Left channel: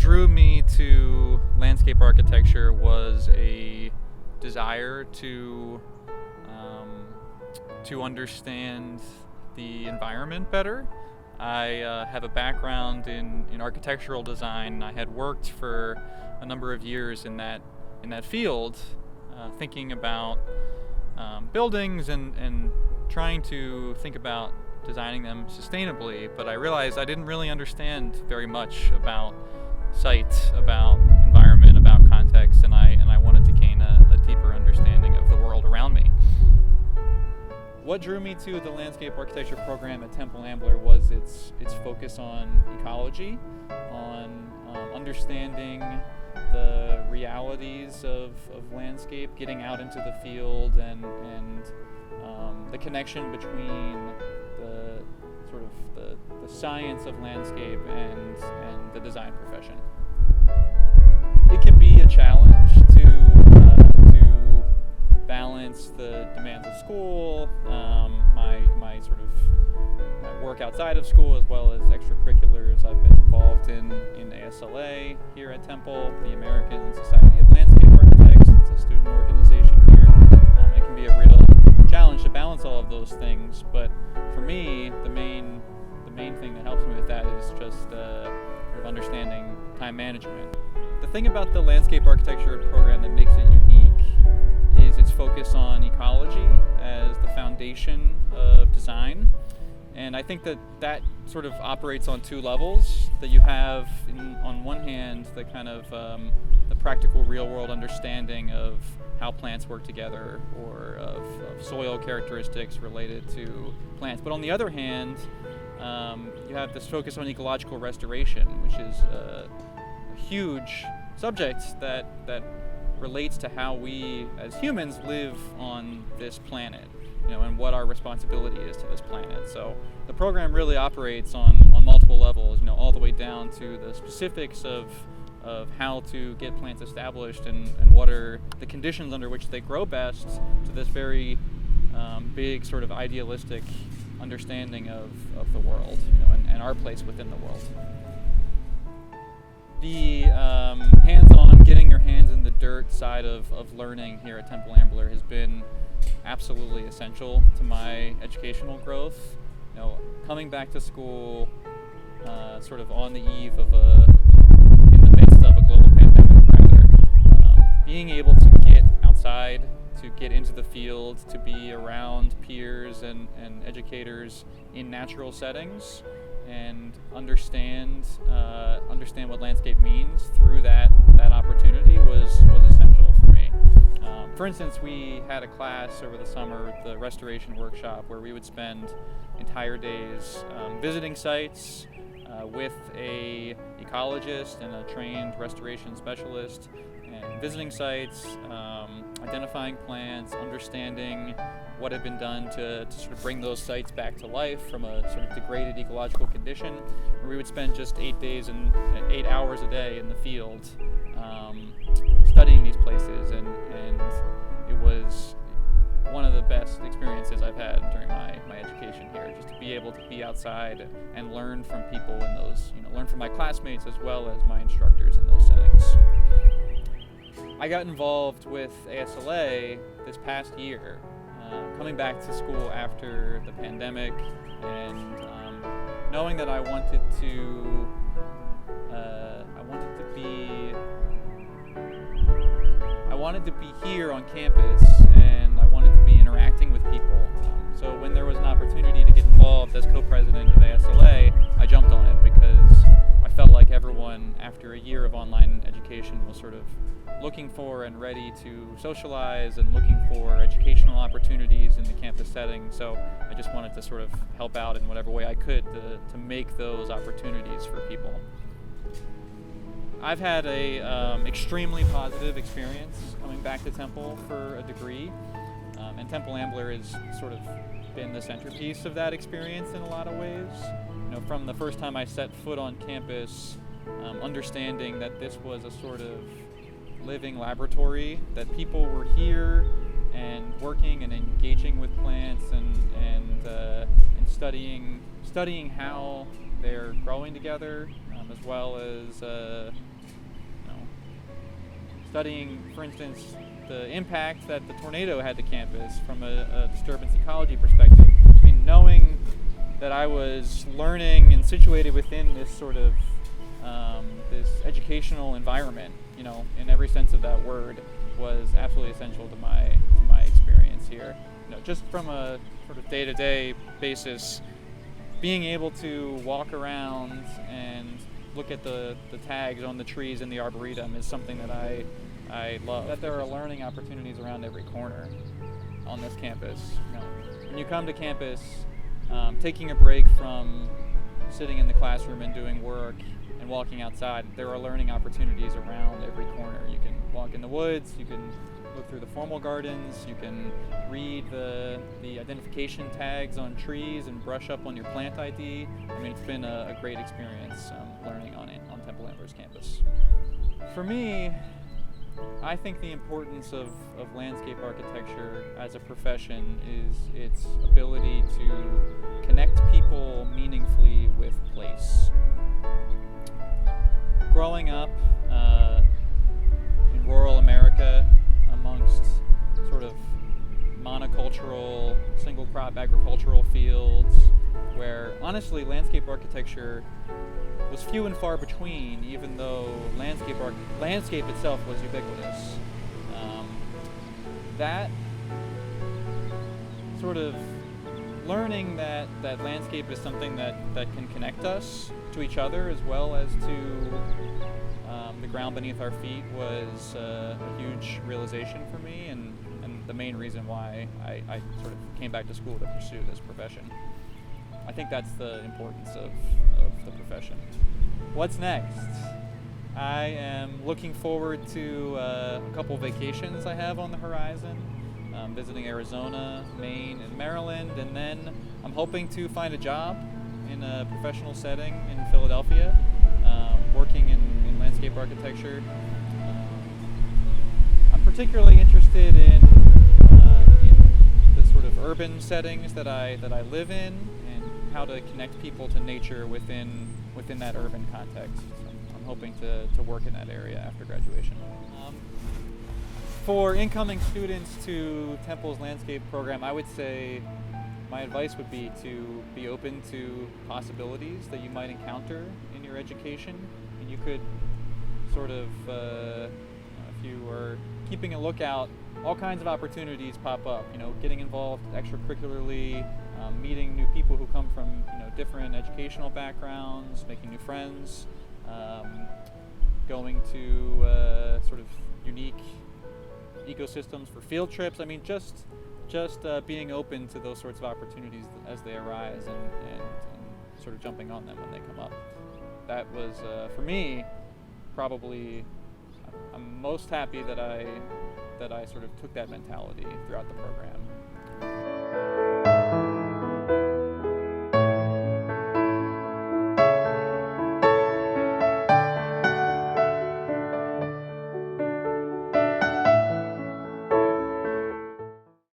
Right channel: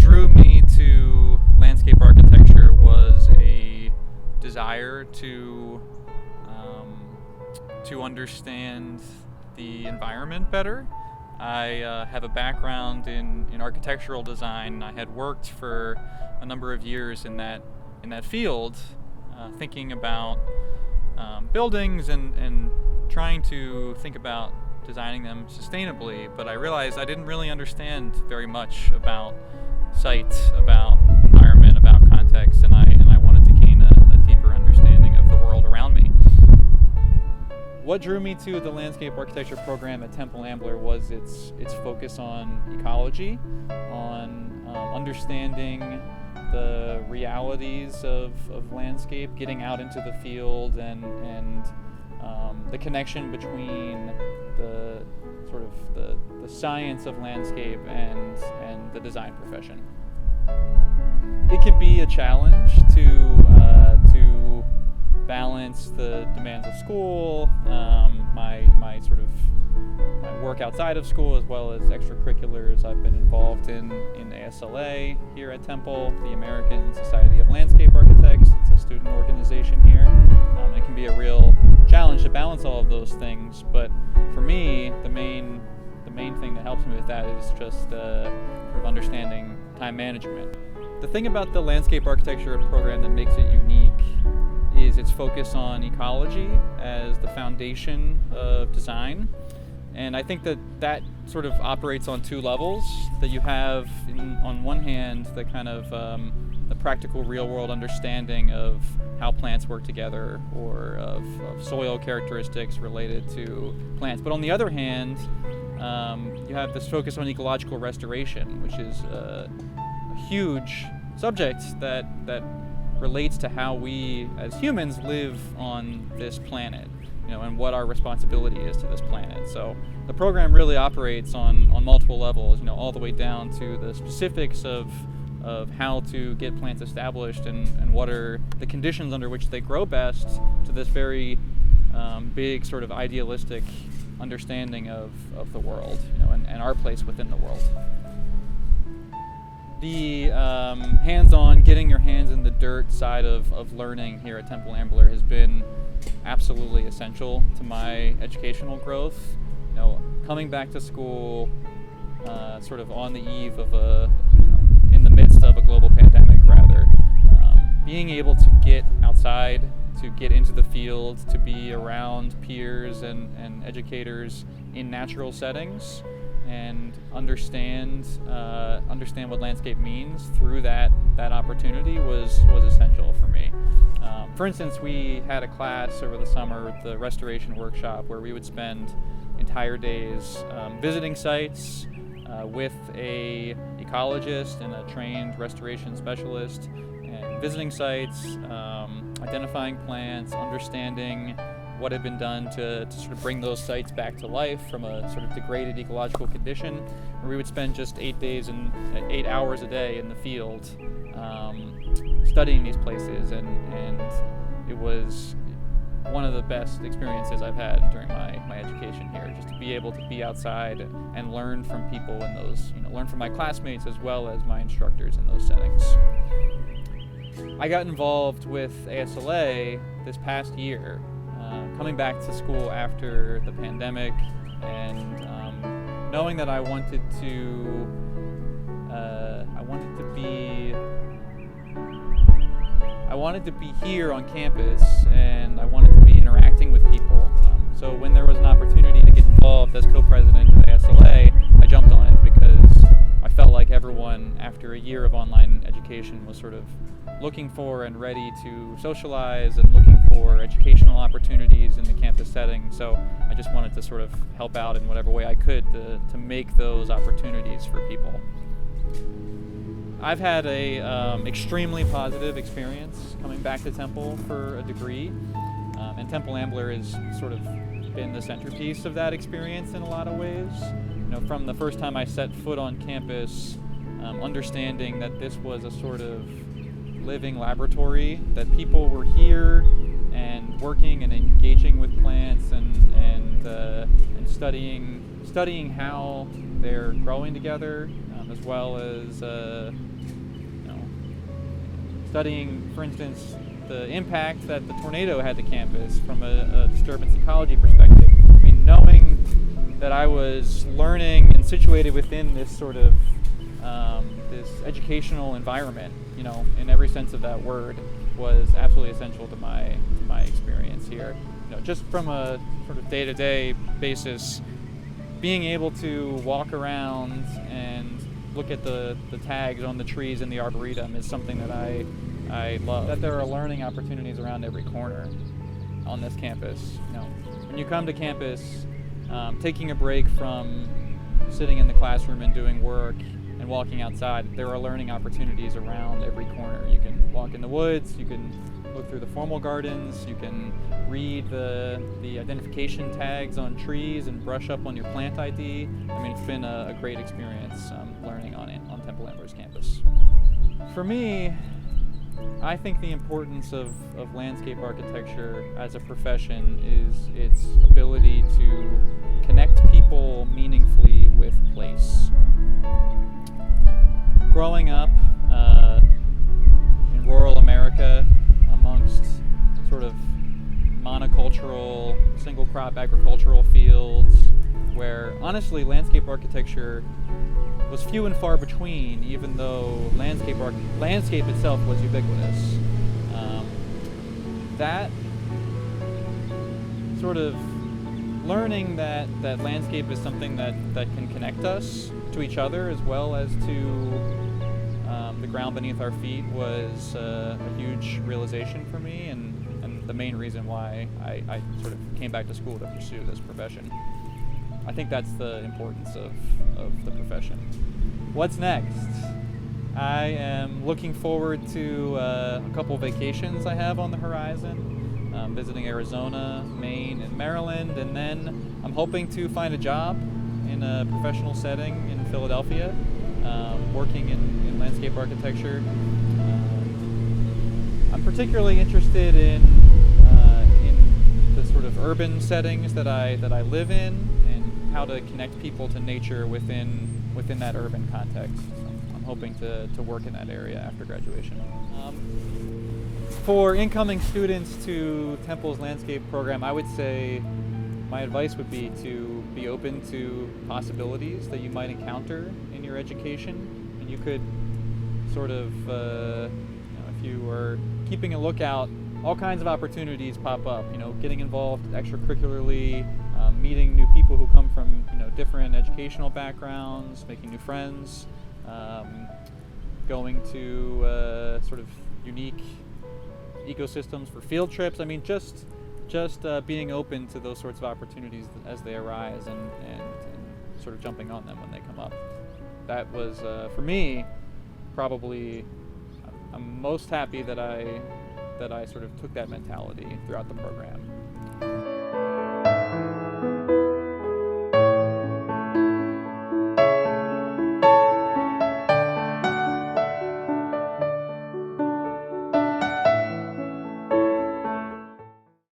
drew me to landscape architecture was a desire to understand the environment better. I have a background in architectural design. I had worked for a number of years in that field, thinking about buildings and trying to think about designing them sustainably, but I realized I didn't really understand very much about site, about environment, about context, and I wanted to gain a deeper understanding of the world around me. What drew me to the landscape architecture program at Temple Ambler was its focus on ecology, on understanding the realities of landscape, getting out into the field, and the connection between the sort of the science of landscape and the design profession. It can be a challenge to balance the demands of school, my work outside of school, as well as extracurriculars. I've been involved in ASLA here at Temple, the American Society of Landscape Architects. It's a student organization here. It can be a real challenge to balance all of those things, but for me, the main thing that helps me with that is just sort of understanding time management. The thing about the landscape architecture program that makes it unique is its focus on ecology as the foundation of design. And I think that sort of operates on two levels. That you have, on one hand, the kind of the practical real-world understanding of how plants work together, or of soil characteristics related to plants. But on the other hand, you have this focus on ecological restoration, which is a huge subject that relates to how we as humans live on this planet, and what our responsibility is to this planet. So the program really operates on multiple levels, all the way down to the specifics of how to get plants established and what are the conditions under which they grow best, to this very big sort of idealistic understanding of the world, and our place within the world. The hands-on, getting your hands in the dirt side of learning here at Temple Ambler has been absolutely essential to my educational growth. Coming back to school sort of on the eve of in the midst of a global pandemic rather, being able to get outside, to get into the field, to be around peers and educators in natural settings, and understand what landscape means through that opportunity was essential for me. For instance, we had a class over the summer, the restoration workshop, where we would spend entire days visiting sites with a ecologist and a trained restoration specialist, and visiting sites, identifying plants, understanding what had been done to sort of bring those sites back to life from a sort of degraded ecological condition, where we would spend just 8 hours a day in the field studying these places, and it was one of the best experiences I've had during my education here, just to be able to be outside and learn from people in those, learn from my classmates as well as my instructors in those settings. I got involved with ASLA this past year, coming back to school after the pandemic, and knowing that I wanted to be here on campus, and I wanted to be interacting with people. So when there was an opportunity to get involved as co-president of ASLA, I jumped on it because I felt like everyone, after a year of online education, was sort of looking for and ready to socialize and looking for educational opportunities in the campus setting. So I just wanted to sort of help out in whatever way I could to make those opportunities for people. I've had a extremely positive experience coming back to Temple for a degree, and Temple Ambler has sort of been the centerpiece of that experience in a lot of ways. From the first time I set foot on campus, understanding that this was a sort of living laboratory, that people were here and working and engaging with plants and studying how they're growing together, as well as studying, for instance, the impact that the tornado had to campus from a disturbance ecology perspective. I mean, knowing that I was learning and situated within this sort of this educational environment, you know, in every sense of that word, was absolutely essential to my experience here. You know, just from a sort of day-to-day basis, being able to walk around and look at the tags on the trees in the Arboretum is something that I love. That there are learning opportunities around every corner on this campus. You know, when you come to campus, taking a break from sitting in the classroom and doing work and walking outside, there are learning opportunities around every corner. You can walk in the woods, you can look through the formal gardens, you can read the identification tags on trees and brush up on your plant ID. I mean, it's been a great experience learning on Temple Ambler's campus. For me, I think the importance of landscape architecture as a profession is its ability to connect people meaningfully with place. Growing up in rural America amongst sort of monocultural, single crop agricultural fields, where honestly landscape architecture was few and far between, even though landscape itself was ubiquitous. That sort of learning that landscape is something that can connect us to each other as well as to the ground beneath our feet was a huge realization for me, and the main reason why I sort of came back to school to pursue this profession. I think that's the importance of the profession. What's next? I am looking forward to a couple vacations I have on the horizon, visiting Arizona, Maine, and Maryland, and then I'm hoping to find a job in a professional setting in Philadelphia, working in landscape architecture. I'm particularly interested in the sort of urban settings that I live in, and how to connect people to nature within that urban context. So I'm hoping to work in that area after graduation. For incoming students to Temple's landscape program, I would say my advice would be to be open to possibilities that you might encounter in your education, and you could sort of, if you are keeping a lookout, all kinds of opportunities pop up. You know, getting involved extracurricularly, meeting new people who come from different educational backgrounds, making new friends, going to sort of unique ecosystems for field trips. I mean, just being open to those sorts of opportunities as they arise, and sort of jumping on them when they come up. That was, for me, probably, I'm most happy that I sort of took that mentality throughout the program.